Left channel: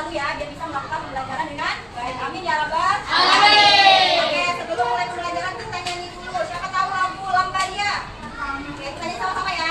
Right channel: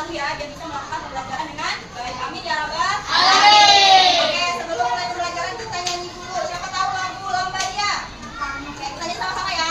selalu ya, biar bisa melakukan pembelajaran dengan baik. Amin ya rabbal alamin. Oke, sebelum mulai pembelajaran kita nyanyi dulu. Siapa tahu lagu Lambadia? Oke, kita nyanyi sama-sama ya.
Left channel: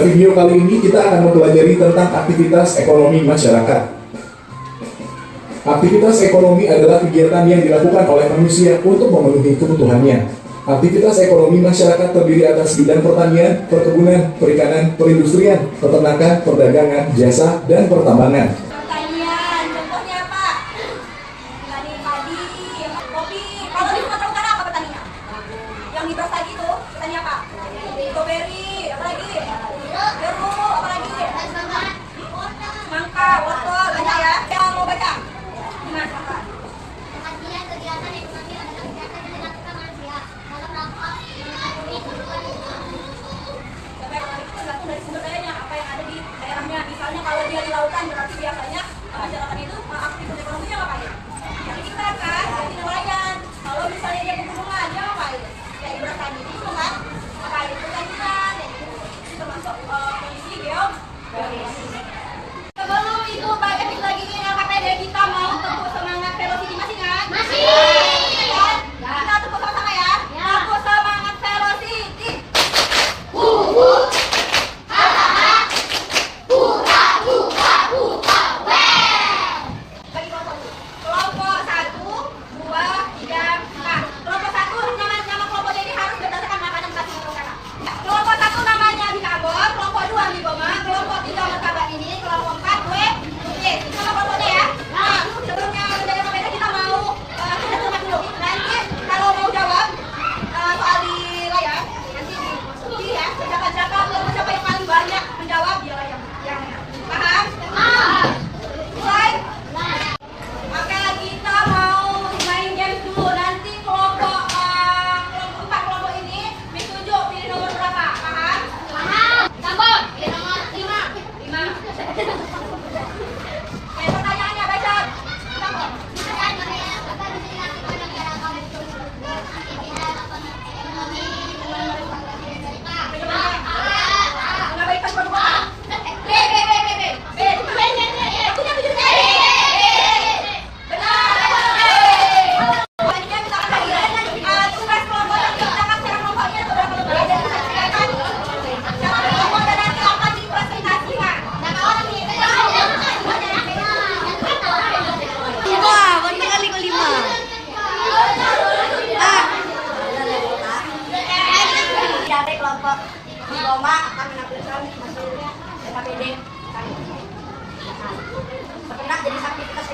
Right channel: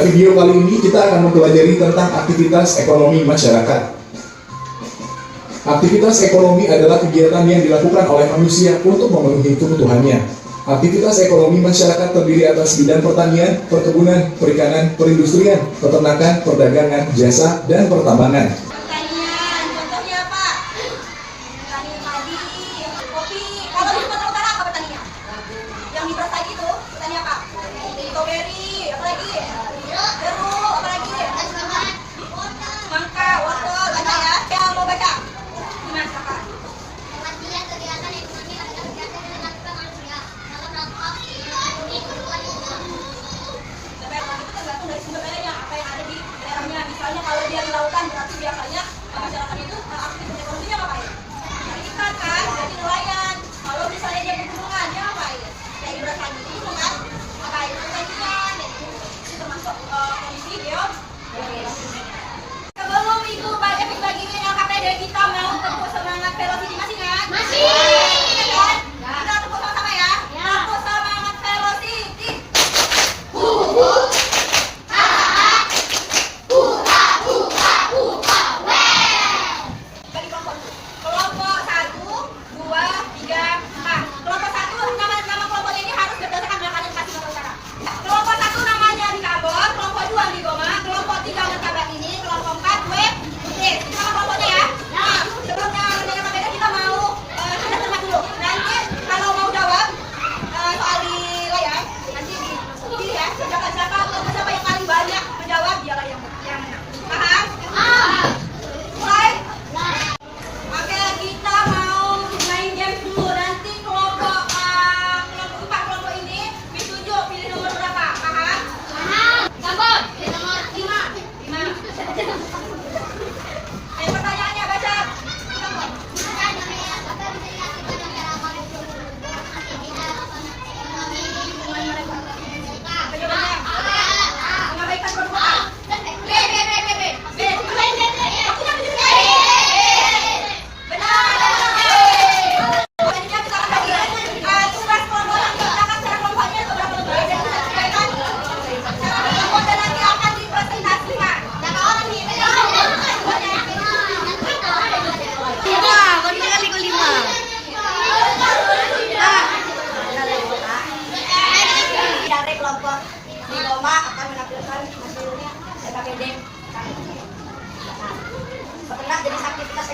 Video kali ini kita akan mempelajari tentang aktivitas ekonomi masyarakat. Aktivitas ekonomi adalah kegiatan yang dilakukan oleh manusia untuk memenuhi kebutuhannya. Aktivitas ekonomi masyarakat terdiri atas bidang pertanian, perkebunan, perikanan, perindustrian, peternakan, perdagangan, jasa, dan pertambangan. Pertanian, contohnya apa? Petani padi, kopi. Kalau di Sumatera Utara apa petaninya? Yang di Brastagi itu petani apa? Strawberry, apa lagi? Jeruk, apa lagi? Semangka, wortel, banyak ya. Yang mau baca? Gimana kakak? Kegiatan ekonomi adalah kegiatan yang dilakukan manusia dalam rangka memenuhi kebutuhan lingkungan. Ekonomi itu tergantung dari sumber dayanya, apa yang ada di daerahnya. Misalnya kalau dia di lautan berarti dia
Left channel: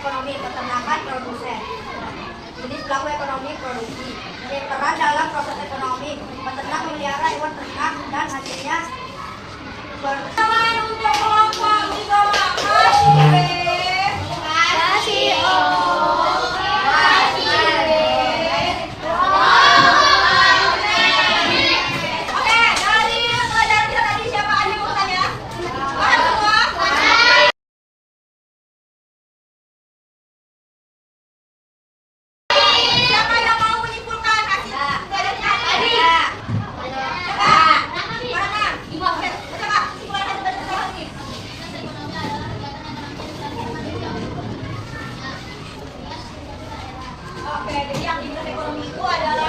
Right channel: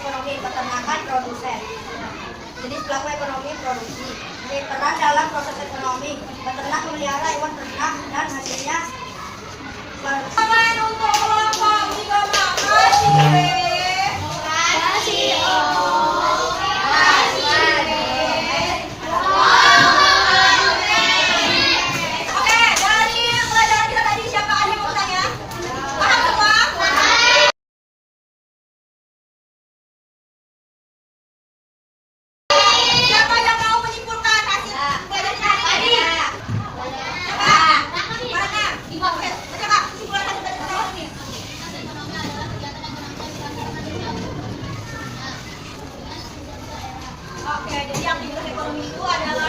ekonomi peternakan produsen. Jenis pelaku ekonomi produksi. Jadi peran dalam proses ekonomi, peternak memelihara hewan ternak dan hasilnya Tangan untuk kelompok tiga makasih. Oke, dari pelajaran kita tadi siapa ada yang mau bertanya? Paham semua? Siapa yang mau menyimpulkan hasil pelajaran tadi? Siapa? Mana? Oke, siapa? Kesimpulan hasil dari pertemuan ini. Oke, jadi aktivitas ekonomi itu adalah